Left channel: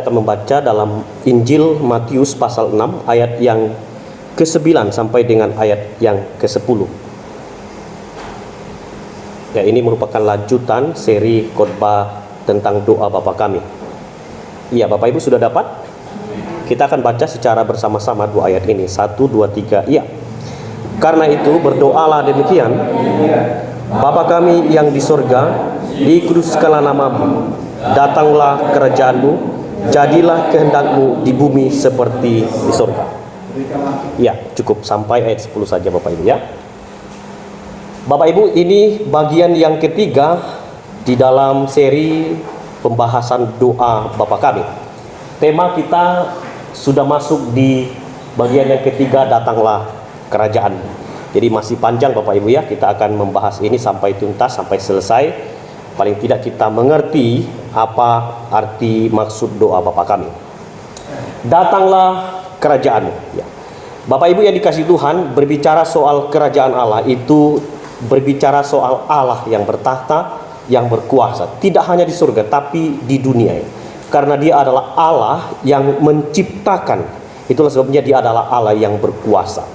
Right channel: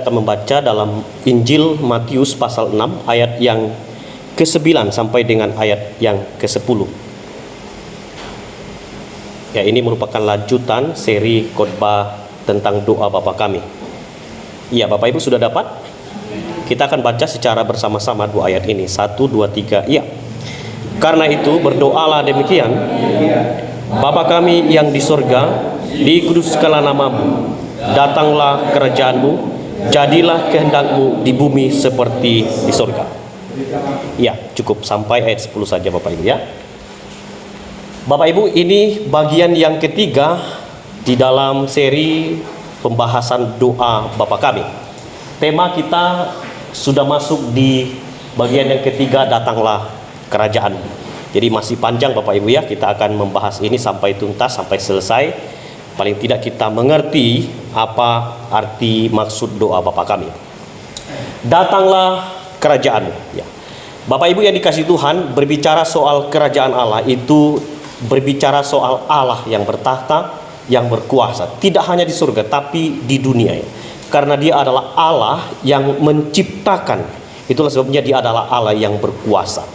Kita akan membaca dalam Injil Matius pasal 6 ayat yang ke-9 sampai dengan ayat yang ke-10. Ya, ini merupakan lanjutan seri khotbah tentang doa Bapa Kami. Iya, Bapak Ibu sudah dapat? Kita akan baca secara bersama-sama dua ayat ini. 1, 2, 3. Iya. Karena itu berdoalah demikian: Bapa kami yang di sorga, dikuduskanlah namamu, datanglah kerajaanmu, jadilah kehendakmu di bumi seperti di sorga. Ya, cukup sampai ayat 10 saja Bapak Ibu ya. Bapak Ibu, ini bagian yang ketiga di dalam seri pembahasan doa Bapa Kami. Tema kita sudah masuk di bagian yang ketiga, datanglah kerajaan. Jadi masih panjang Bapak Ibu ya, kita akan membahas ini sampai tuntas, sampai selesai. Paling tidak kita mengerti apa arti maksud doa Bapa Kami. Datanglah kerajaan. Ya. Bapak Ibu yang dikasihi Tuhan, berbicara soal kerajaan Allah itu berbicara soal Allah yang bertahta, yang berkuasa. Tidak hanya di surga, tapi di dunia. Karena dia adalah Allah yang menciptakan. Itulah sebabnya dia adalah Allah yang berkuasa.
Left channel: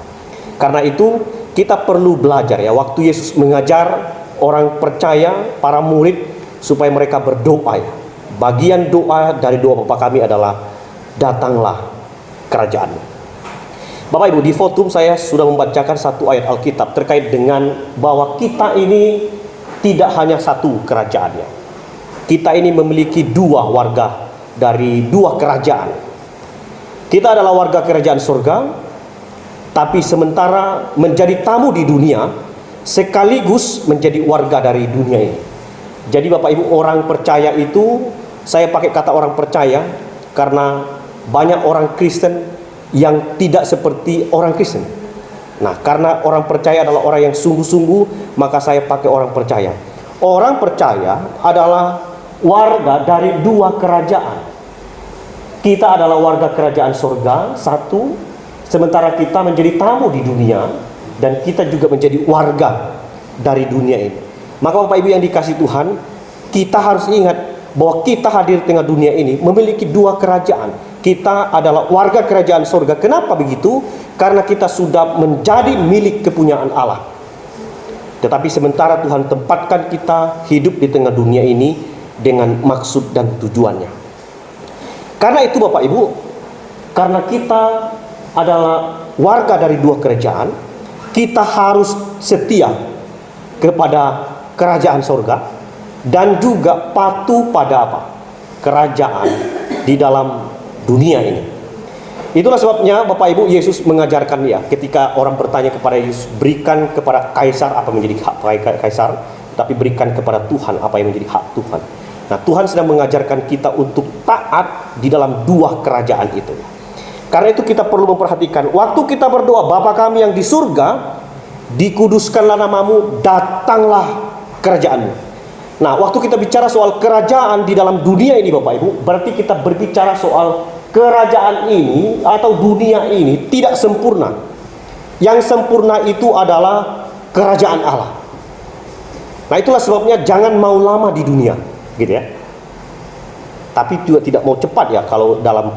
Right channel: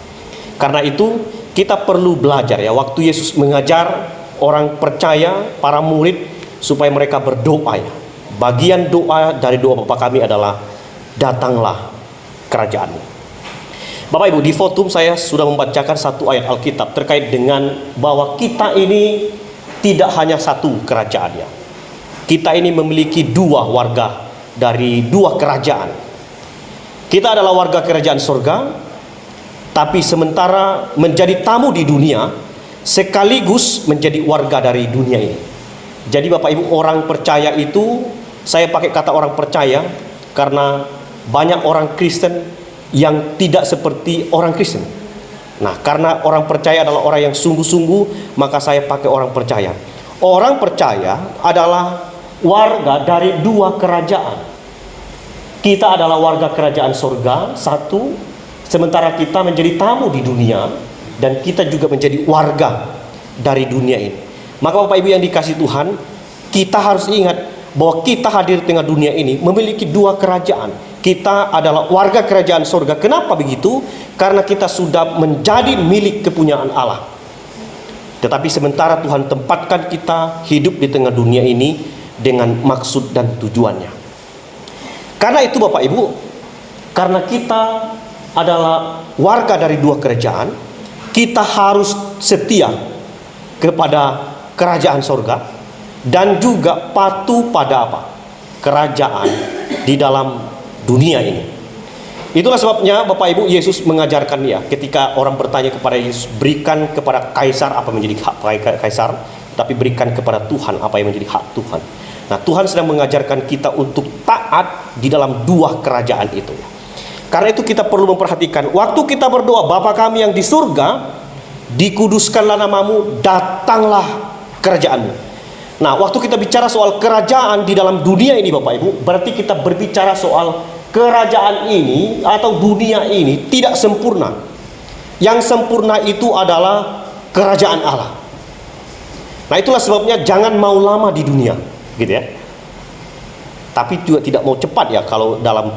Karena itu kita perlu belajar ya. Waktu Yesus mengajar orang percaya, para murid, supaya mereka berdoa ya. Bagian doa dari doa Bapa Kami adalah datanglah kerajaan. Bapak Ibu, di fotum saya sudah membacakan satu ayat Alkitab terkait dengan bahwa kita ini tidak hanya satu kerajaan ya. Kita ini memiliki dua warga dari dua kerajaan. Kita adalah warga kerajaan surga, tapi sementara menjadi tamu di dunia sekaligus menjadi warga dari dunia ini. Jadi Bapak Ibu, orang percaya itu, saya pakai kata orang percaya karena banyak orang Kristen yang tidak seperti orang Kristen. Nah, karena orang percaya adalah orang yang sungguh-sungguh, maka saya pakai orang percaya. Orang percaya adalah warga dari dua kerajaan. Kita adalah warga kerajaan surga, satu, sementara kita menjadi tamu di dunia, dan kita juga menjadi warga dari dunia ini. Maka Bapak Ibu yang dikasihi Tuhan, kita harus ingat bahwa kita hadir di tengah dunia ini memiliki dua kerajaan. Kita adalah warga kerajaan surga. Kenapa begitu? Karena kita sudah menjadi milik kepunyaan Allah. Tetapi sementara Tuhan tempatkan kita hidup di tengah dunia ini dengan maksud dan tujuannya. Karena itu Bapak Ibu, karena kita adalah warga dari dua kerajaan, kita harus setia kepada kerajaan surga dan juga patuh pada apa? Kerajaan di dalam dunia ini. Itulah sebabnya Bapak Ibu, Yesus mengajarkan ya, ketika orang bertanya kepada Yesus, berikan kepada kaisar apa yang menjadi hak kaisar, tapi berikan kepada Tuhan apa yang menjadi hak Tuhan. Nah, Tuhan sedang mengajarkan kita untuk taat di dalam dua kerajaan itu. Karena itu kita perlu memperhatikan, waktu kita berdoa, Bapa kami yang di surga, dikuduskanlah namamu, datanglah kerajaanmu. Nah, waktu kita bicara soal kerajaan di dalam dunia ini Bapak Ibu, berarti kita berbicara soal kerajaan ini atau dunia ini tidak sempurna. Yang sempurna itu adalah kerajaan Allah. Nah, itulah sebabnya jangan mau lama di dunia, gitu ya. Tapi juga tidak mau cepat ya kalau dalam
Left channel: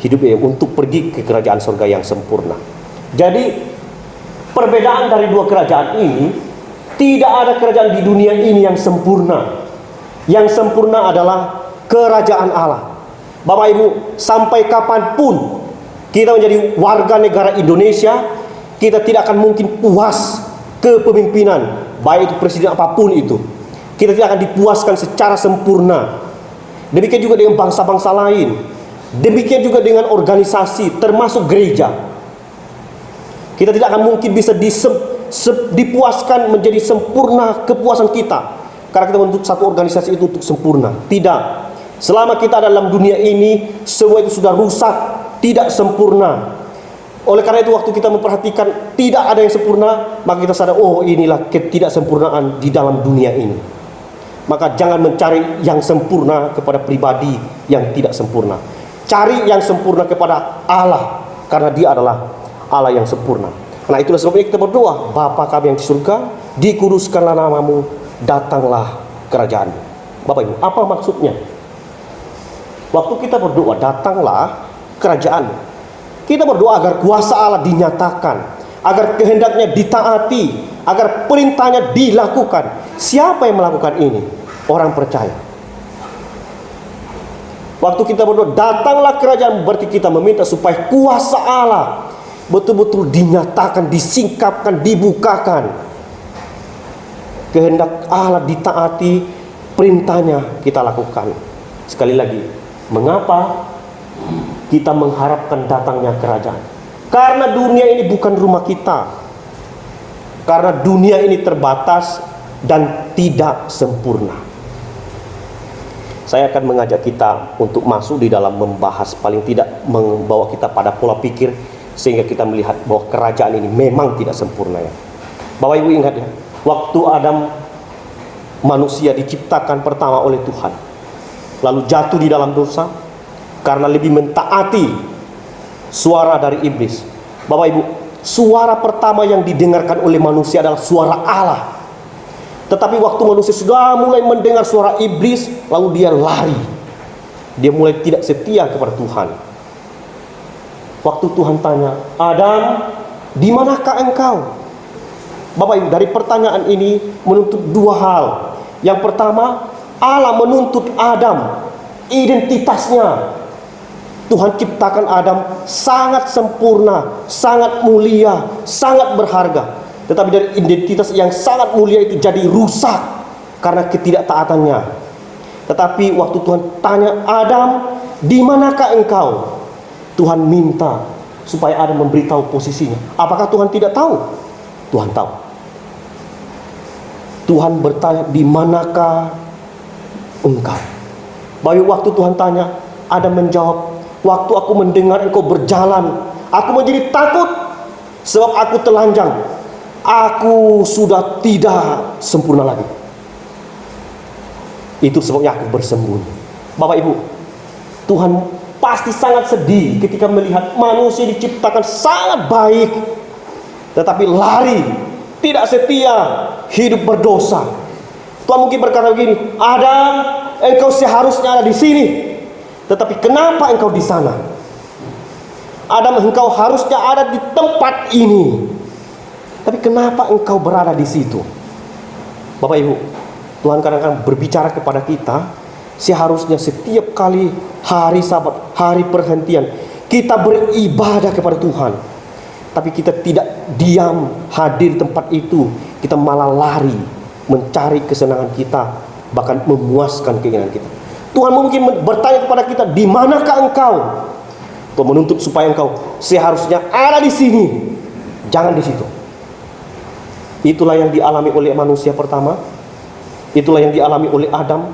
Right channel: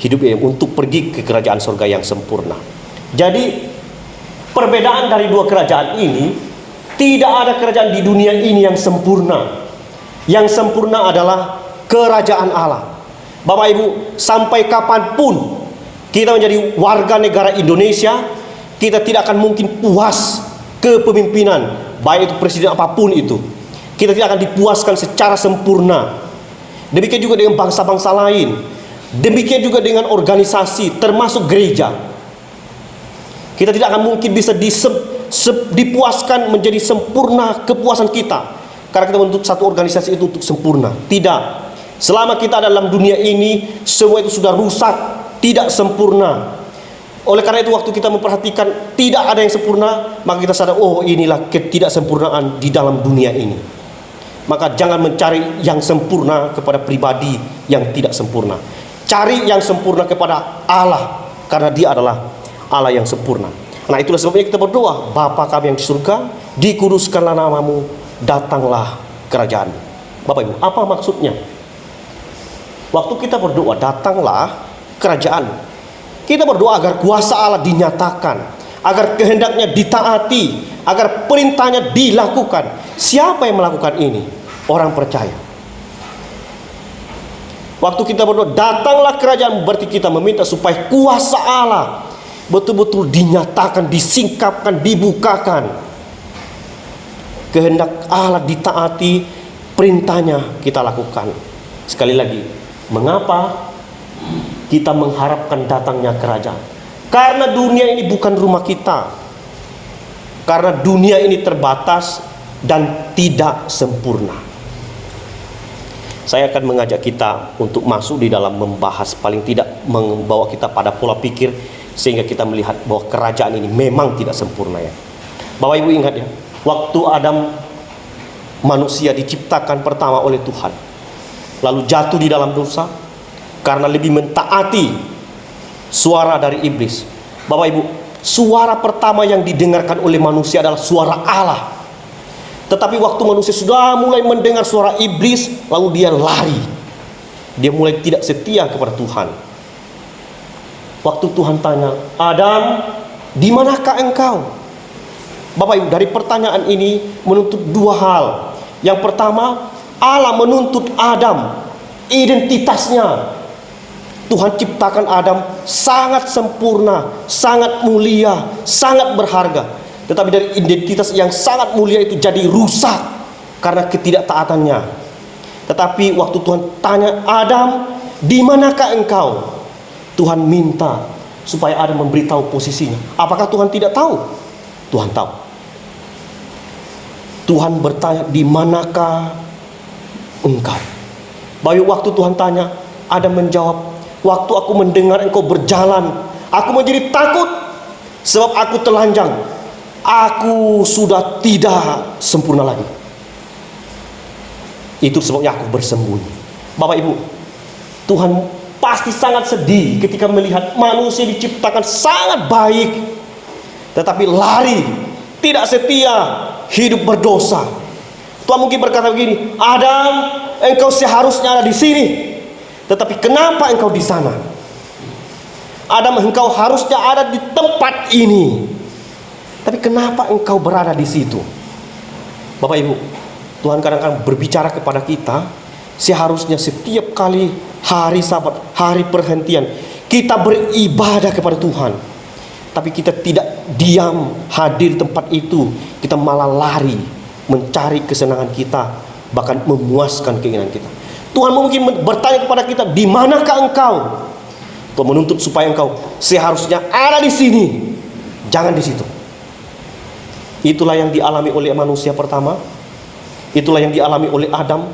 hidup ini untuk pergi ke kerajaan surga yang sempurna. Jadi perbedaan dari dua kerajaan ini, tidak ada kerajaan di dunia ini yang sempurna. Yang sempurna adalah kerajaan Allah. Bapak Ibu, sampai kapanpun kita menjadi warga negara Indonesia, kita tidak akan mungkin puas kepemimpinan, baik itu presiden apapun itu. Kita tidak akan dipuaskan secara sempurna. Demikian juga dengan bangsa-bangsa lain. Demikian juga dengan organisasi, termasuk gereja. Kita tidak akan mungkin bisa dipuaskan menjadi sempurna kepuasan kita karena kita menuntut satu organisasi itu untuk sempurna. Tidak. Selama kita dalam dunia ini, semua itu sudah rusak, tidak sempurna. Oleh karena itu waktu kita memperhatikan tidak ada yang sempurna, maka kita sadar, oh inilah ketidaksempurnaan di dalam dunia ini. Maka jangan mencari yang sempurna kepada pribadi yang tidak sempurna. Cari yang sempurna kepada Allah, karena dia adalah Allah yang sempurna. Nah, itulah sebabnya kita berdoa, Bapa kami yang di surga, dikuduskanlah namamu, datanglah kerajaanmu. Bapak Ibu, apa maksudnya? Waktu kita berdoa, datanglah kerajaan. Kita berdoa agar kuasa Allah dinyatakan, agar kehendaknya ditaati, agar perintahnya dilakukan. Siapa yang melakukan ini? Orang percaya. Waktu kita berdoa, datanglah kerajaan, berarti kita meminta supaya kuasa Allah betul-betul dinyatakan, disingkapkan, dibukakan. Kehendak Allah ditaati, perintahnya kita lakukan. Sekali lagi, mengapa kita mengharapkan datangnya kerajaan? Karena dunia ini bukan rumah kita. Karena dunia ini terbatas dan tidak sempurna. Saya akan mengajak kita untuk masuk di dalam membahas, paling tidak membawa kita pada pola pikir, sehingga kita melihat bahwa kerajaan ini memang tidak sempurna ya. Bapak Ibu ingat ya, waktu Adam manusia diciptakan pertama oleh Tuhan, lalu jatuh di dalam dosa karena lebih mentaati suara dari iblis. Bapak Ibu, suara pertama yang didengarkan oleh manusia adalah suara Allah. Tetapi waktu manusia sudah mulai mendengar suara iblis, lalu dia lari. Dia mulai tidak setia kepada Tuhan. Waktu Tuhan tanya, Adam, di manakah engkau? Bapak Ibu, dari pertanyaan ini menuntut dua hal. Yang pertama, Allah menuntut Adam identitasnya. Tuhan ciptakan Adam sangat sempurna, sangat mulia, sangat berharga. Tetapi dari identitas yang sangat mulia itu jadi rusak karena ketidaktaatannya. Tetapi waktu Tuhan tanya, Adam, di manakah engkau? Tuhan minta supaya Adam memberitahu posisinya. Apakah Tuhan tidak tahu? Tuhan tahu. Tuhan bertanya, di manakah engkau? Bayu waktu Tuhan tanya, Adam menjawab, waktu aku mendengar engkau berjalan, aku menjadi takut sebab aku telanjang. Aku sudah tidak sempurna lagi. Itu sebabnya aku bersembunyi. Bapak Ibu, Tuhan pasti sangat sedih ketika melihat manusia diciptakan sangat baik, tetapi lari, tidak setia, hidup berdosa. Tuhan mungkin berkata begini, Adam, engkau seharusnya ada di sini, tetapi kenapa engkau di sana? Adam, engkau harusnya ada di tempat ini, tapi kenapa engkau berada di situ? Bapak Ibu, Tuhan kadang-kadang berbicara kepada kita. Seharusnya setiap kali hari Sabat, hari perhentian, kita beribadah kepada Tuhan. Tapi kita tidak diam hadir di tempat itu. Kita malah lari mencari kesenangan kita, bahkan memuaskan keinginan kita. Tuhan mungkin bertanya kepada kita, di manakah engkau? Tuhan menuntut supaya engkau seharusnya ada di sini, jangan di situ. Itulah yang dialami oleh manusia pertama. Itulah yang dialami oleh Adam.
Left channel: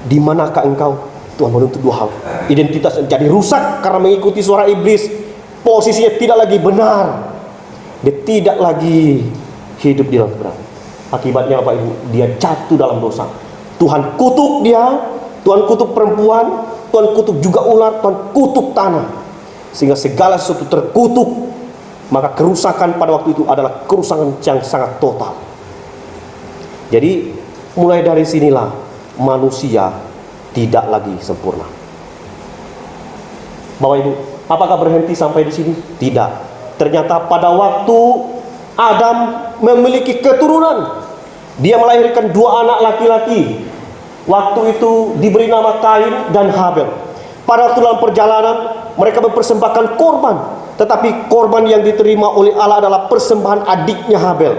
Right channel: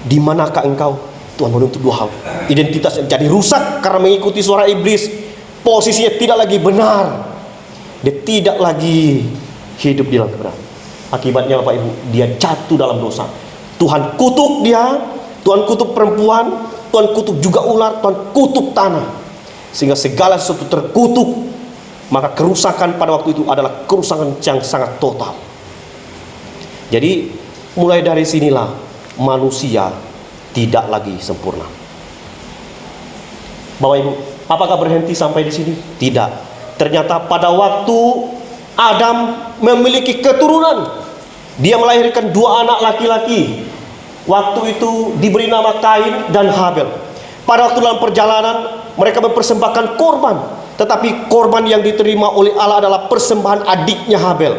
Di manakah engkau? Tuhan menuntut dua hal. Identitas yang jadi rusak karena mengikuti suara iblis. Posisinya tidak lagi benar. Dia tidak lagi hidup di dalam kebenaran. Akibatnya Bapak Ibu, dia jatuh dalam dosa. Tuhan kutuk dia, Tuhan kutuk perempuan, Tuhan kutuk juga ular, Tuhan kutuk tanah. Sehingga segala sesuatu terkutuk. Maka kerusakan pada waktu itu adalah kerusakan yang sangat total. Jadi mulai dari sinilah manusia tidak lagi sempurna. Bapak Ibu, apakah berhenti sampai di sini? Tidak. Ternyata pada waktu Adam memiliki keturunan, dia melahirkan dua anak laki-laki. Waktu itu diberi nama Kain dan Habel. Pada waktu dalam perjalanan mereka mempersembahkan korban, tetapi korban yang diterima oleh Allah adalah persembahan adiknya Habel.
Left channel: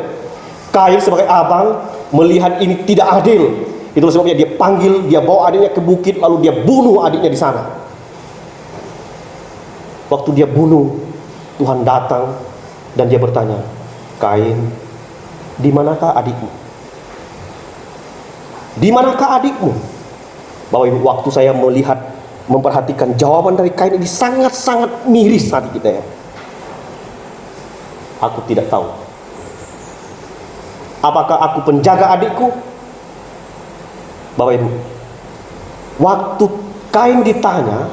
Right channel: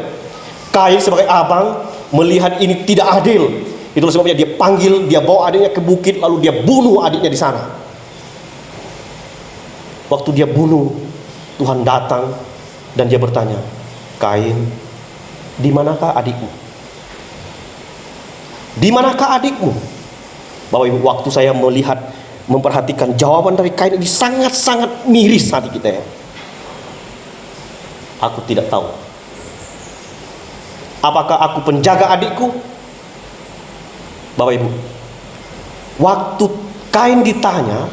Kain sebagai abang melihat ini tidak adil. Itulah sebabnya dia panggil, dia bawa adiknya ke bukit, lalu dia bunuh adiknya di sana. Waktu dia bunuh, Tuhan datang dan dia bertanya, Kain, di manakah adikmu? Di manakah adikmu? Bapak Ibu, waktu saya melihat, memperhatikan jawaban dari Kain ini sangat-sangat miris hati kita ya. Aku tidak tahu. Apakah aku penjaga adikku? Bapak Ibu, waktu Kain ditanya,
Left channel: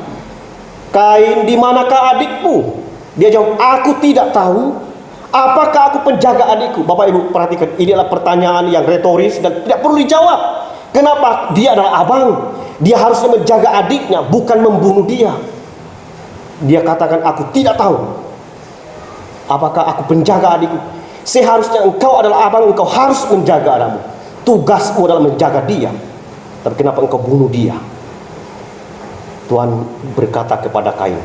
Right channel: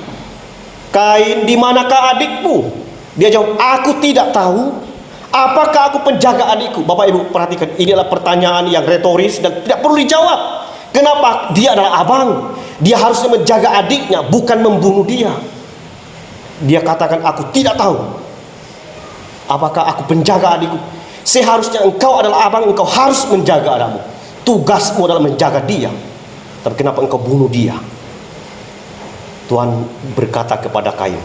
Kain, di manakah adikmu? Dia jawab, aku tidak tahu. Apakah aku penjaga adikku? Bapak Ibu perhatikan, ini adalah pertanyaan yang retoris dan tidak perlu dijawab. Kenapa? Dia adalah abang. Dia harusnya menjaga adiknya, bukan membunuh dia. Dia katakan, aku tidak tahu apakah aku penjaga adikku. Seharusnya engkau adalah abang, engkau harus menjaga anakmu. Tugasmu adalah menjaga dia. Tapi kenapa engkau bunuh dia? Tuhan berkata kepada Kain,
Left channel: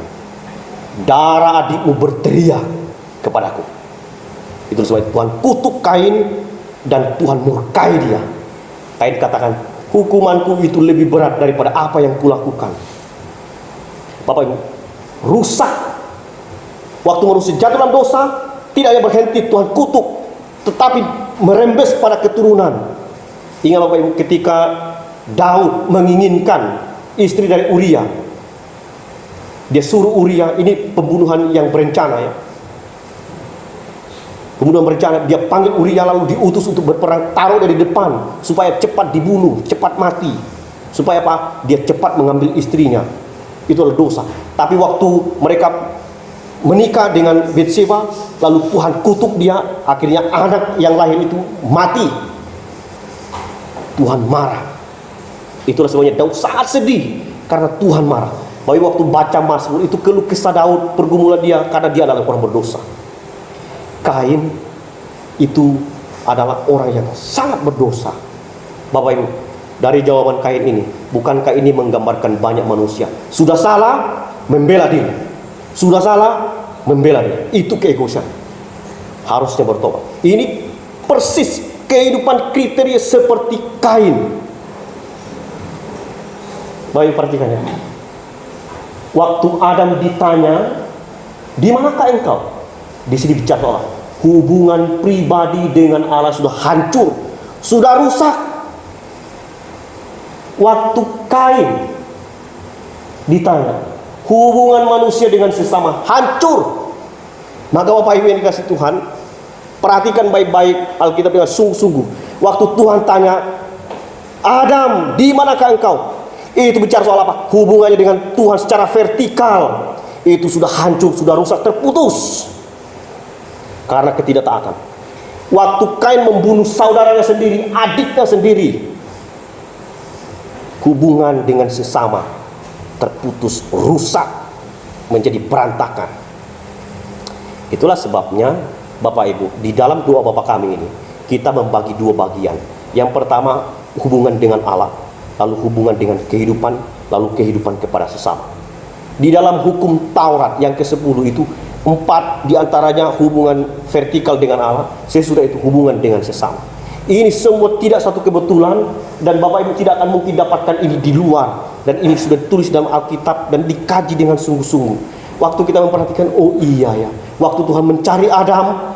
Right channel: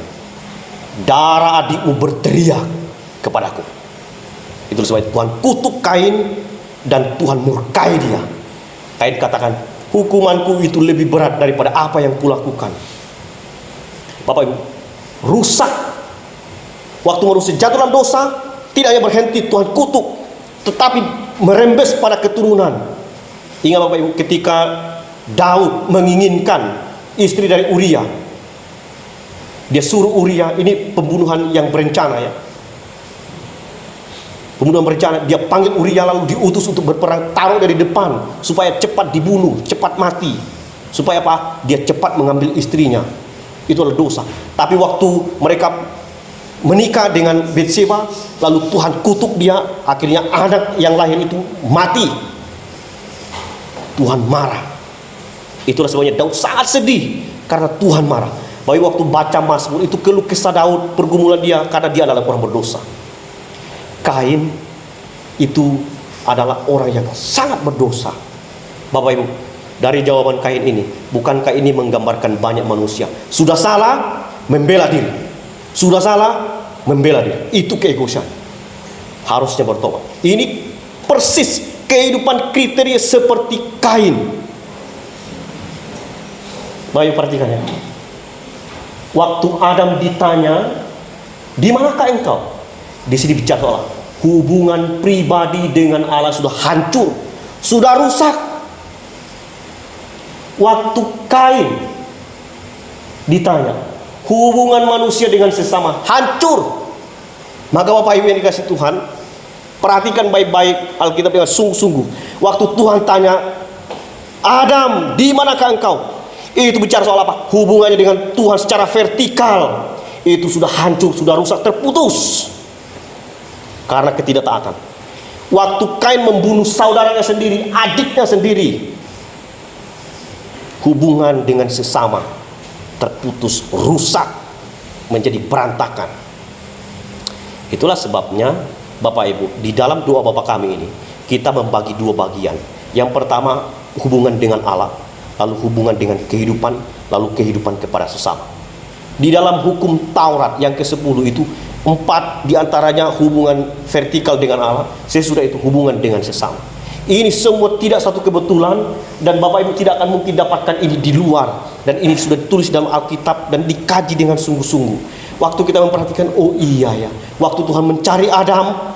darah adikmu berteriak kepadaku. Itu sebab Tuhan kutuk Kain dan Tuhan murkai dia. Kain katakan, hukumanku itu lebih berat daripada apa yang kulakukan. Bapak Ibu, rusak. Waktu manusia jatuh dalam dosa, tidak hanya berhenti Tuhan kutuk, tetapi merembes pada keturunan. Ingat Bapak Ibu, ketika Daud menginginkan istri dari Uria, dia suruh Uria, ini pembunuhan yang berencana ya, pembunuhan berencana. Dia panggil Uria lalu diutus untuk berperang, taruh dari depan supaya cepat dibunuh, cepat mati, supaya apa? Dia cepat mengambil istrinya. Itu adalah dosa. Tapi waktu mereka menikah dengan Betseba, lalu Tuhan kutuk dia, akhirnya anak yang lahir itu mati. Tuhan marah. Itulah sebabnya Daud sangat sedih karena Tuhan marah. Bahwa waktu baca Mazmur itu keluh kesah Daud, pergumulan dia karena dia adalah orang berdosa. Kain itu adalah orang yang sangat berdosa. Bapak Ibu, dari jawaban Kain ini, bukankah ini menggambarkan banyak manusia sudah salah membela diri, sudah salah membela diri, itu keegoisan, harusnya bertobat. Ini persis kehidupan kriteria seperti Kain. Bapak Ibu perhatikan ya, waktu Adam ditanya, di manakah engkau? Di sini bicara soal hubungan pribadi dengan Allah sudah hancur, sudah rusak. Waktu Kain ditanya, hubungan manusia dengan sesama hancur. Maka Bapak Ibu yang dikasih Tuhan, perhatikan baik-baik Alkitab dengan sungguh-sungguh. Waktu Tuhan tanya, Adam, di manakah engkau? Itu bicara soal apa? Hubungannya dengan Tuhan secara vertikal itu sudah hancur, sudah rusak, terputus karena ketidaktaatan. Waktu Kain membunuh saudaranya sendiri, adiknya sendiri, hubungan dengan sesama terputus, rusak, menjadi berantakan. Itulah sebabnya Bapak Ibu, di dalam doa Bapa kami ini kita membagi dua bagian. Yang pertama hubungan dengan Allah, lalu hubungan dengan kehidupan, lalu kehidupan kepada sesama. Di dalam hukum Taurat yang ke-10 itu 4 diantaranya hubungan vertikal dengan Allah, sesudah itu hubungan dengan sesama. Ini semua tidak suatu kebetulan, dan Bapak Ibu tidak akan mungkin dapatkan ini di luar, dan ini sudah ditulis dalam Alkitab dan dikaji dengan sungguh-sungguh. Waktu kita memperhatikan, oh iya ya, waktu Tuhan mencari Adam,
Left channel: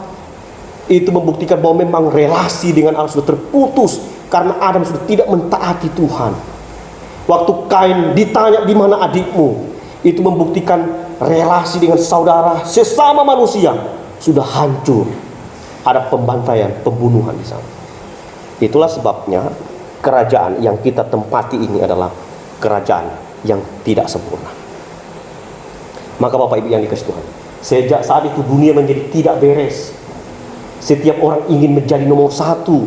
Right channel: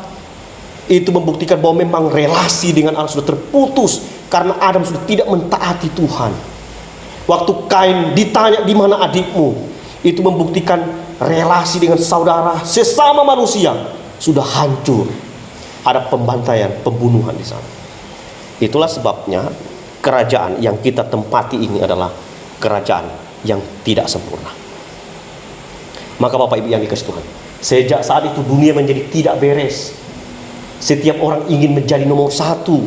itu membuktikan bahwa memang relasi dengan Allah sudah terputus karena Adam sudah tidak mentaati Tuhan. Waktu Kain ditanya, di mana adikmu? Itu membuktikan relasi dengan saudara sesama manusia sudah hancur. Ada pembantaian, pembunuhan di sana. Itulah sebabnya kerajaan yang kita tempati ini adalah kerajaan yang tidak sempurna. Maka Bapak Ibu yang dikasih Tuhan, sejak saat itu dunia menjadi tidak beres. Setiap orang ingin menjadi nomor satu,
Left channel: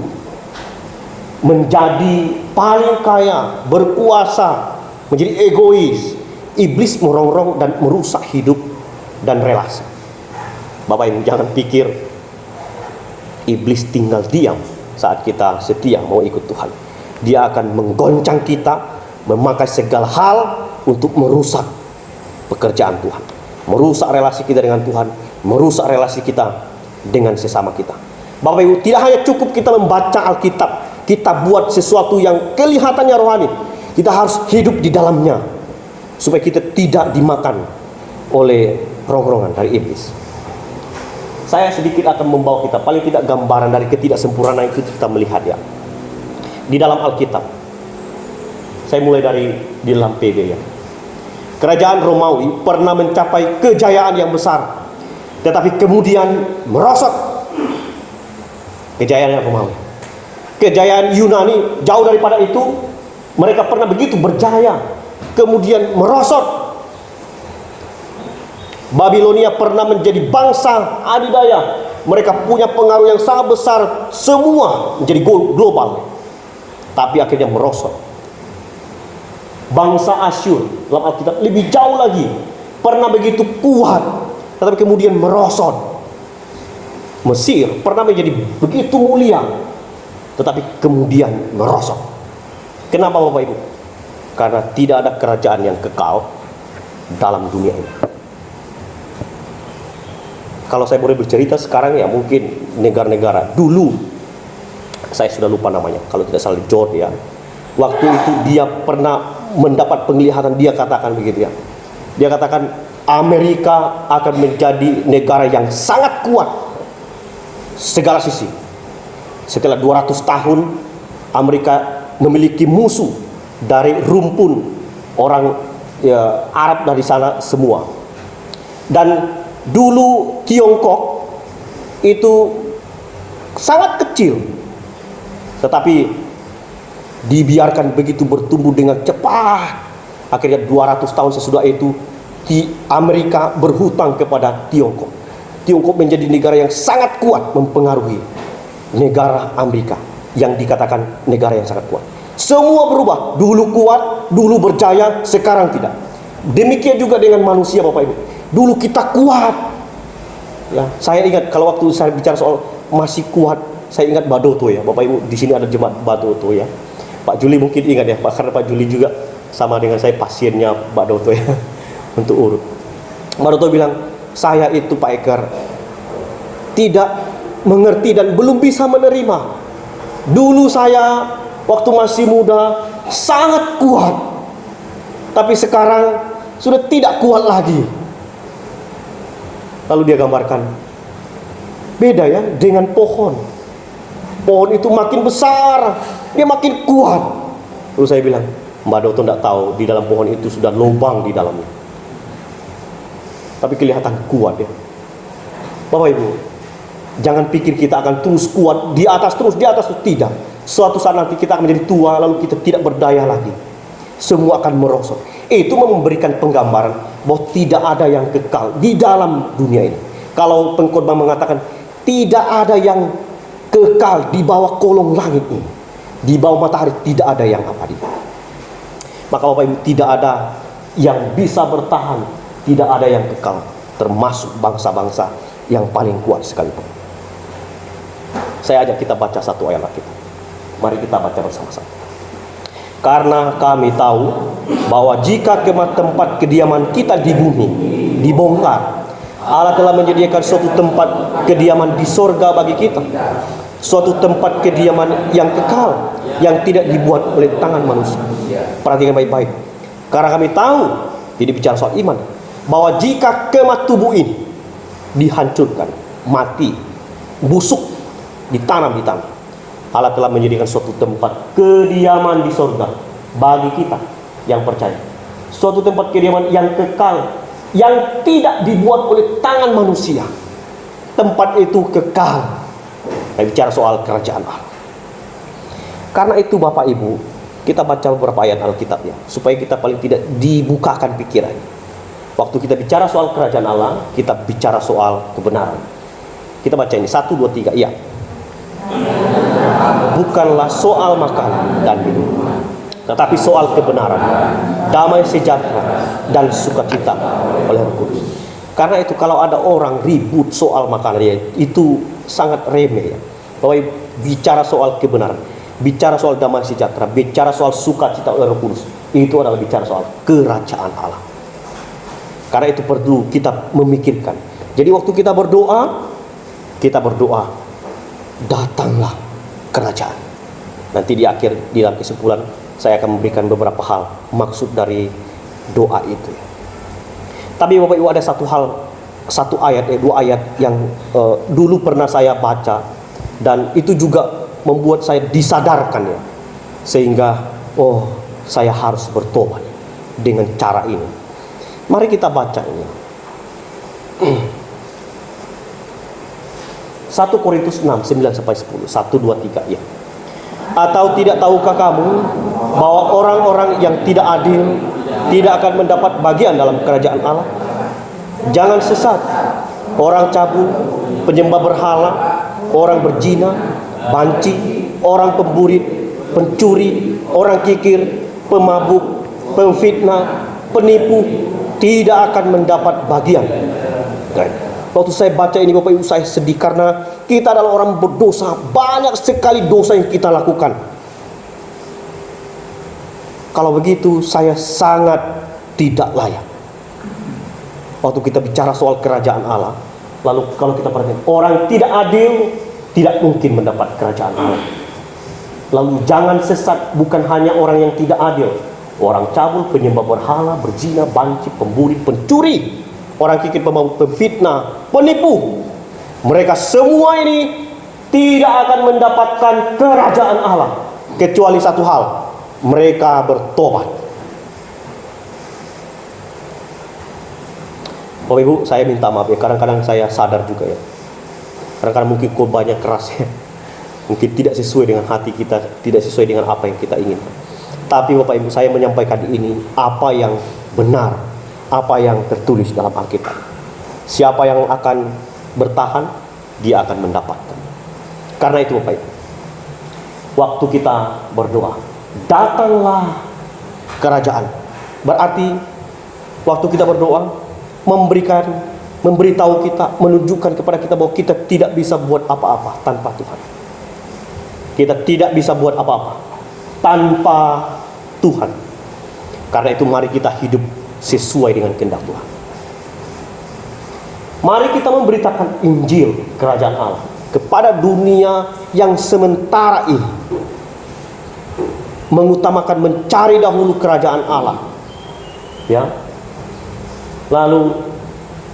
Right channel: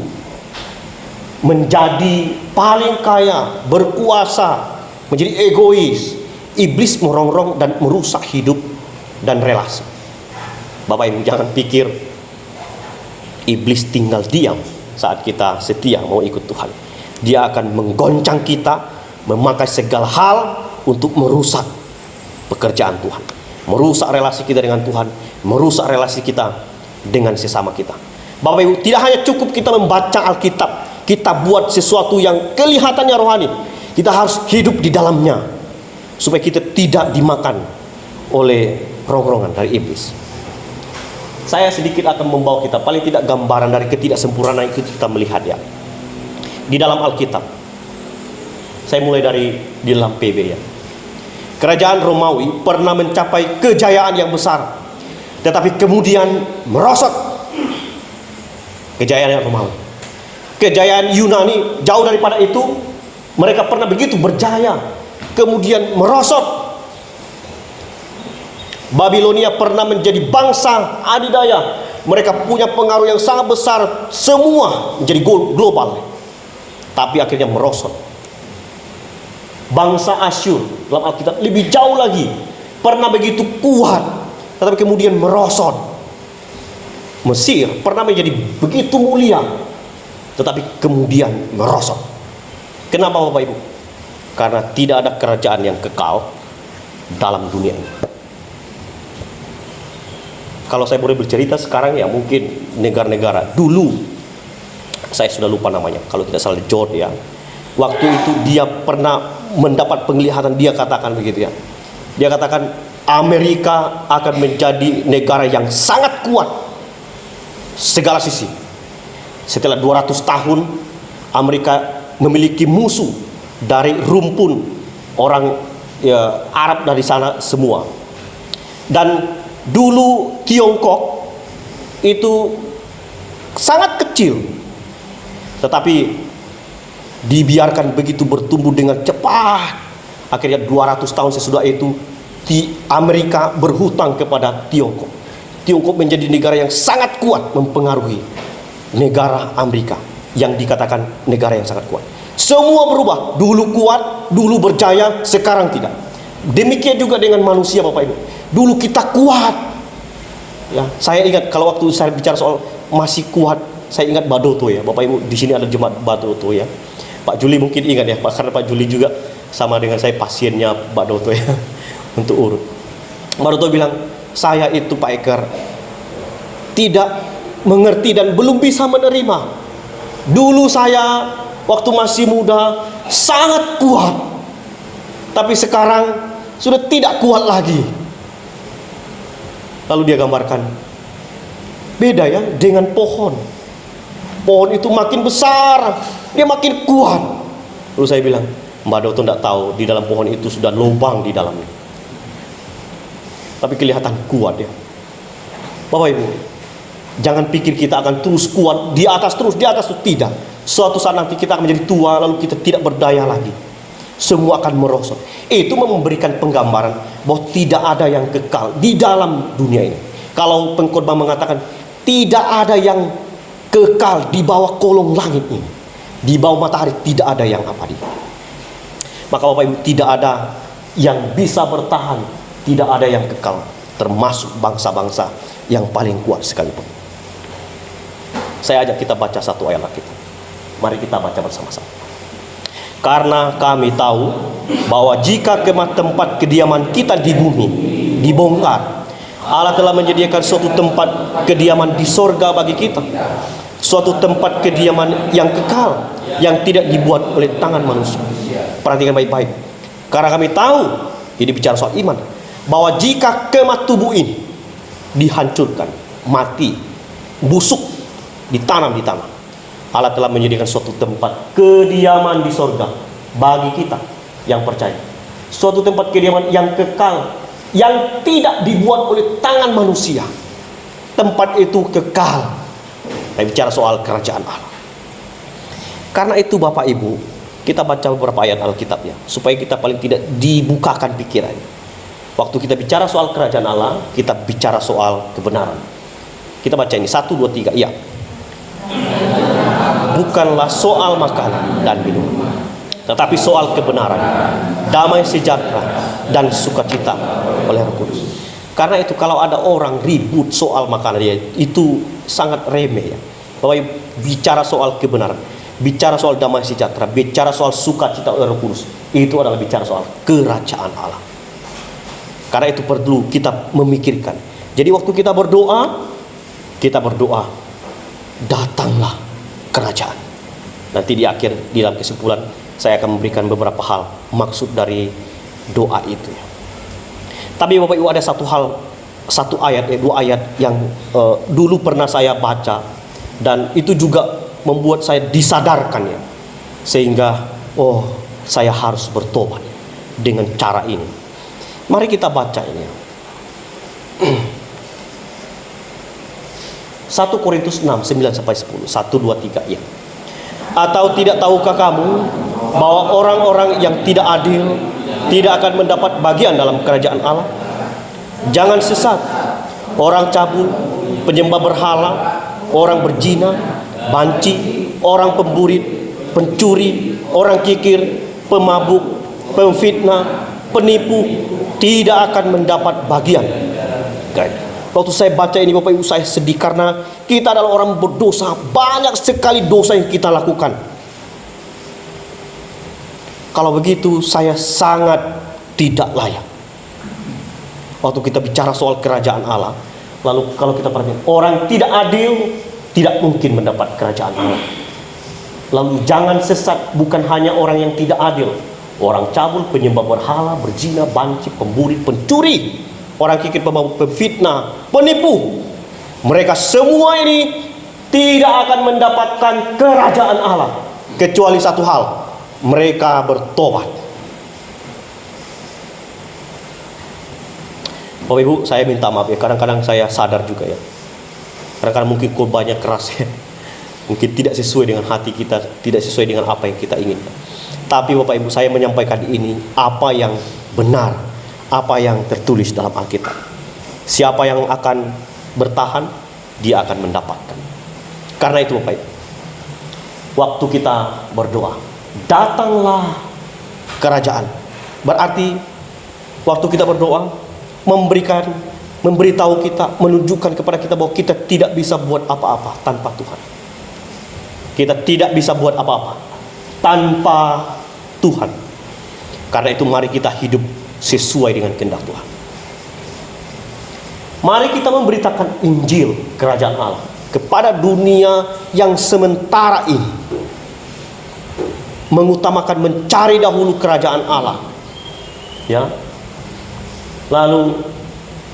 menjadi paling kaya, berkuasa, menjadi egois. Iblis merongrong dan merusak hidup dan relasi. Bapak Ibu jangan pikir iblis tinggal diam saat kita setia mau ikut Tuhan. Dia akan menggoncang kita, memakai segala hal untuk merusak pekerjaan Tuhan, merusak relasi kita dengan Tuhan, merusak relasi kita dengan sesama kita. Bapak Ibu, tidak hanya cukup kita membaca Alkitab, kita buat sesuatu yang kelihatannya rohani. Kita harus hidup di dalamnya supaya kita tidak dimakan oleh rongrongan dari iblis. Saya sedikit akan membawa kita paling tidak gambaran dari ketidaksempurnaan itu kita melihat ya. Di dalam Alkitab. Saya mulai dari di dalam PB ya. Kerajaan Romawi pernah mencapai kejayaan yang besar, tetapi kemudian merosot. Kejayaan Romawi. Kejayaan Yunani jauh daripada itu, mereka pernah begitu berjaya, kemudian merosot. Babilonia pernah menjadi bangsa adidaya, mereka punya pengaruh yang sangat besar, semua menjadi global, tapi akhirnya merosot. Bangsa Asyur dalam Alkitab lebih jauh lagi, pernah begitu kuat, tetapi kemudian merosot. Mesir pernah menjadi begitu mulia, tetapi kemudian merosot. Kenapa Bapak Ibu? Karena tidak ada kerajaan yang kekal dalam dunia ini. Kalau saya boleh bercerita sekarang ya, mungkin negara-negara dulu, saya sudah lupa namanya, kalau tidak salah Jordan ya. Waktu itu dia pernah mendapat penglihatan, dia katakan begitu ya. Dia katakan Amerika akan menjadi negara yang sangat kuat segala sisi. Setelah 200 tahun Amerika memiliki musuh dari rumpun orang ya, Arab dari sana semua. Dan dulu Tiongkok itu sangat kecil, tetapi dibiarkan begitu bertumbuh dengan cepat. Akhirnya 200 tahun sesudah itu Amerika berhutang kepada Tiongkok. Tiongkok menjadi negara yang sangat kuat mempengaruhi negara Amerika yang dikatakan negara yang sangat kuat. Semua berubah, dulu kuat, dulu berjaya, sekarang tidak. Demikian juga dengan manusia Bapak Ibu. Dulu kita kuat. Ya, saya ingat kalau waktu saya bicara soal masih kuat, saya ingat Badoto ya. Bapak Ibu, di sini ada jemaat Badoto ya. Pak Juli mungkin ingat ya, karena Pak Juli juga sama dengan saya pasiennya Pak Doto ya untuk urut. Pak Doto bilang, saya itu Pak Ekar tidak mengerti dan belum bisa menerima. Dulu saya waktu masih muda sangat kuat, tapi sekarang sudah tidak kuat lagi. Lalu dia gambarkan, beda ya dengan pohon. Pohon itu makin besar, dia makin kuat. Lalu saya bilang, Mbak Doto tidak tahu di dalam pohon itu sudah lubang di dalamnya, tapi kelihatan kuat ya. Bapak Ibu, jangan pikir kita akan terus kuat di atas terus tidak. Suatu saat nanti kita akan menjadi tua, lalu kita tidak berdaya lagi. Semua akan merosot. Itu memberikan penggambaran bahwa tidak ada yang kekal di dalam dunia ini. Kalau pengkhotbah mengatakan tidak ada yang kekal di bawah kolong langit ini, di bawah matahari tidak ada yang abadi. Maka Bapak Ibu, tidak ada yang bisa bertahan, tidak ada yang kekal, termasuk bangsa-bangsa yang paling kuat sekalipun. Saya ajak kita baca satu ayat Alkitab. Mari kita baca bersama-sama. Karena kami tahu bahwa jika tempat kediaman kita di bumi dibongkar, Allah telah menyediakan suatu tempat kediaman di sorga bagi kita, suatu tempat kediaman yang kekal, yang tidak dibuat oleh tangan manusia. Perhatikan baik-baik. Karena kami tahu, ini bicara soal iman, bahwa jika kemah tubuh ini dihancurkan, mati, busuk, ditanam di tanah, Allah telah menyediakan suatu tempat kediaman di sorga bagi kita yang percaya. Suatu tempat kediaman yang kekal, yang tidak dibuat oleh tangan manusia. Tempat itu kekal. Saya bicara soal kerajaan Allah. Karena itu Bapak Ibu, kita baca beberapa ayat Alkitabnya, supaya kita paling tidak dibukakan pikiran. Waktu kita bicara soal kerajaan Allah, kita bicara soal kebenaran. Kita baca ini, 1, 2, 3, iya. Bukanlah soal makanan dan minum, tetapi soal kebenaran, damai sejahtera, dan sukacita oleh Roh Kudus. Karena itu kalau ada orang ribut soal makanan, ya, itu sangat remeh ya. Bahwa bicara soal kebenaran, bicara soal damai sejahtera, bicara soal sukacita oleh Roh Kudus, itu adalah bicara soal kerajaan Allah. Karena itu perlu kita memikirkan. Jadi waktu kita berdoa, datanglah kerajaan. Nanti di akhir, di dalam kesimpulan, saya akan memberikan beberapa hal maksud dari doa itu. Tapi Bapak Ibu, ada satu ayat, dua ayat yang dulu pernah saya baca, dan itu juga membuat saya disadarkan ya, sehingga saya harus bertobat dengan cara ini. Mari kita baca ini. 1 Korintus 6, 9-10. 1, 2, 3 ya. Atau tidak tahukah kamu bahwa orang-orang yang tidak adil tidak akan mendapat bagian dalam kerajaan Allah? Jangan sesat. Orang cabul, penyembah berhala, orang berzina, banci, orang pemburit, pencuri, orang kikir, pemabuk, pemfitnah, penipu tidak akan mendapat bagian. Waktu saya baca ini Bapak Ibu, saya sedih karena kita adalah orang berdosa. Banyak sekali dosa yang kita lakukan. Kalau begitu saya sangat tidak layak. Waktu kita bicara soal kerajaan Allah, lalu kalau kita perhatikan, orang tidak adil tidak mungkin mendapat kerajaan Allah. Lalu jangan sesat, bukan hanya orang yang tidak adil, orang cabul, penyembah berhala, berzina, banci, pemburi, pencuri, orang kikir, pemfitnah, penipu, mereka semua ini tidak akan mendapatkan kerajaan Allah kecuali satu hal, mereka bertobat. Bapak Ibu, saya minta maaf ya, kadang-kadang saya sadar juga ya, kadang-kadang mungkin korbannya keras ya, mungkin tidak sesuai dengan hati kita, tidak sesuai dengan apa yang kita inginkan. Tapi Bapak Ibu, saya menyampaikan ini apa yang benar, apa yang tertulis dalam Alkitab. Siapa yang akan bertahan, dia akan mendapatkan. Karena itu Bapak Ibu, waktu kita berdoa, datanglah kerajaan. Berarti waktu kita berdoa, memberitahu kita, menunjukkan kepada kita bahwa kita tidak bisa buat apa-apa tanpa Tuhan. Kita tidak bisa buat apa-apa tanpa Tuhan. Karena itu mari kita hidup sesuai dengan kehendak Tuhan. Mari kita memberitakan Injil kerajaan Allah kepada dunia yang sementara ini mengutamakan mencari dahulu kerajaan Allah, ya, lalu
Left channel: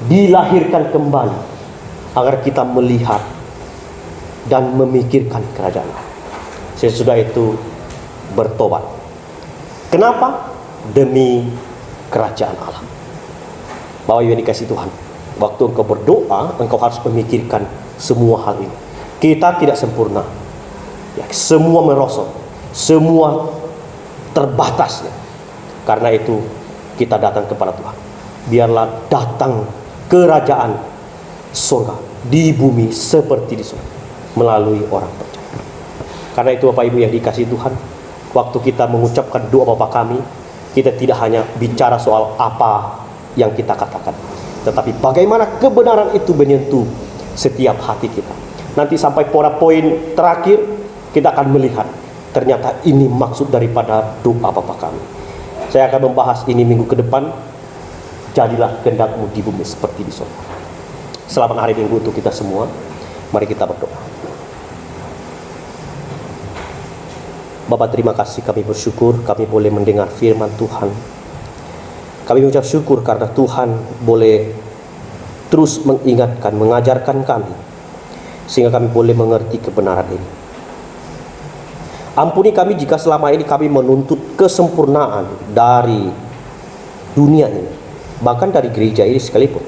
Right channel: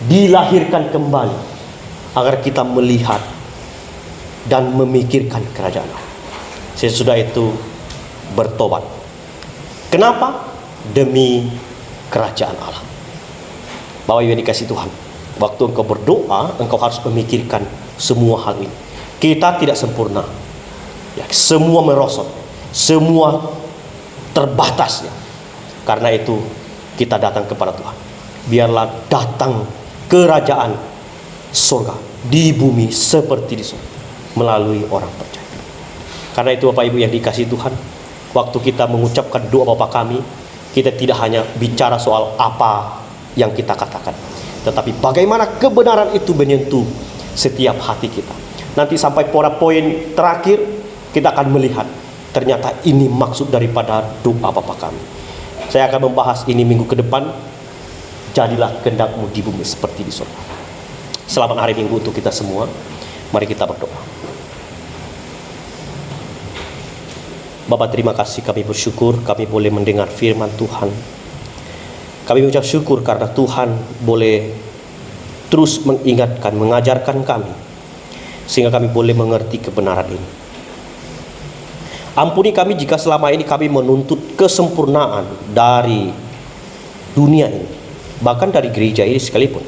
dilahirkan kembali agar kita melihat dan memikirkan kerajaan Allah. Sesudah itu bertobat. Kenapa? Demi kerajaan Allah. Bapak Ibu yang dikasihi Tuhan, waktu engkau berdoa, engkau harus memikirkan semua hal ini. Kita tidak sempurna, ya, semua merosot, semua terbatas, ya. Karena itu kita datang kepada Tuhan. Biarlah datang kerajaan surga di bumi seperti di surga melalui orang percaya. Karena itu Bapak Ibu yang dikasihi Tuhan, waktu kita mengucapkan doa Bapa kami, kita tidak hanya bicara soal apa yang kita katakan, tetapi bagaimana kebenaran itu menyentuh setiap hati kita. Nanti sampai pada poin terakhir, kita akan melihat ternyata ini maksud daripada doa Bapa kami. Saya akan membahas ini minggu ke depan. Jadilah kehendak-Mu di bumi seperti di surga. Selamat hari Minggu untuk kita semua. Mari kita berdoa. Bapa, terima kasih, kami bersyukur kami boleh mendengar firman Tuhan. Kami mengucap syukur karena Tuhan boleh terus mengingatkan, mengajarkan kami, sehingga kami boleh mengerti kebenaran ini. Ampuni kami jika selama ini kami menuntut kesempurnaan dari dunia ini, bahkan dari gereja ini sekalipun.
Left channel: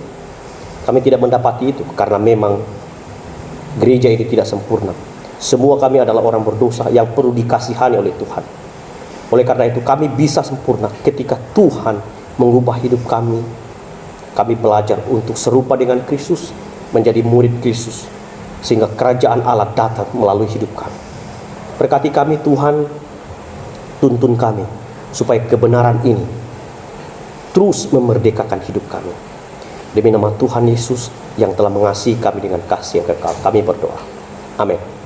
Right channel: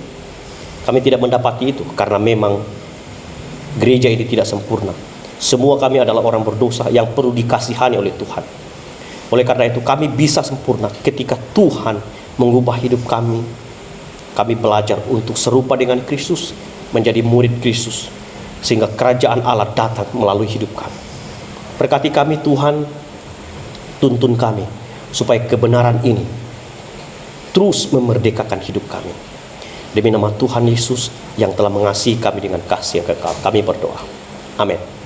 Kami tidak mendapati itu karena memang gereja ini tidak sempurna. Semua kami adalah orang berdosa yang perlu dikasihani oleh Tuhan. Oleh karena itu kami bisa sempurna ketika Tuhan mengubah hidup kami. Kami belajar untuk serupa dengan Kristus, menjadi murid Kristus, sehingga kerajaan Allah datang melalui hidup kami. Berkati kami Tuhan, tuntun kami supaya kebenaran ini terus memerdekakan hidup kami. Demi nama Tuhan Yesus yang telah mengasihi kami dengan kasih yang kekal, kami berdoa. Amin.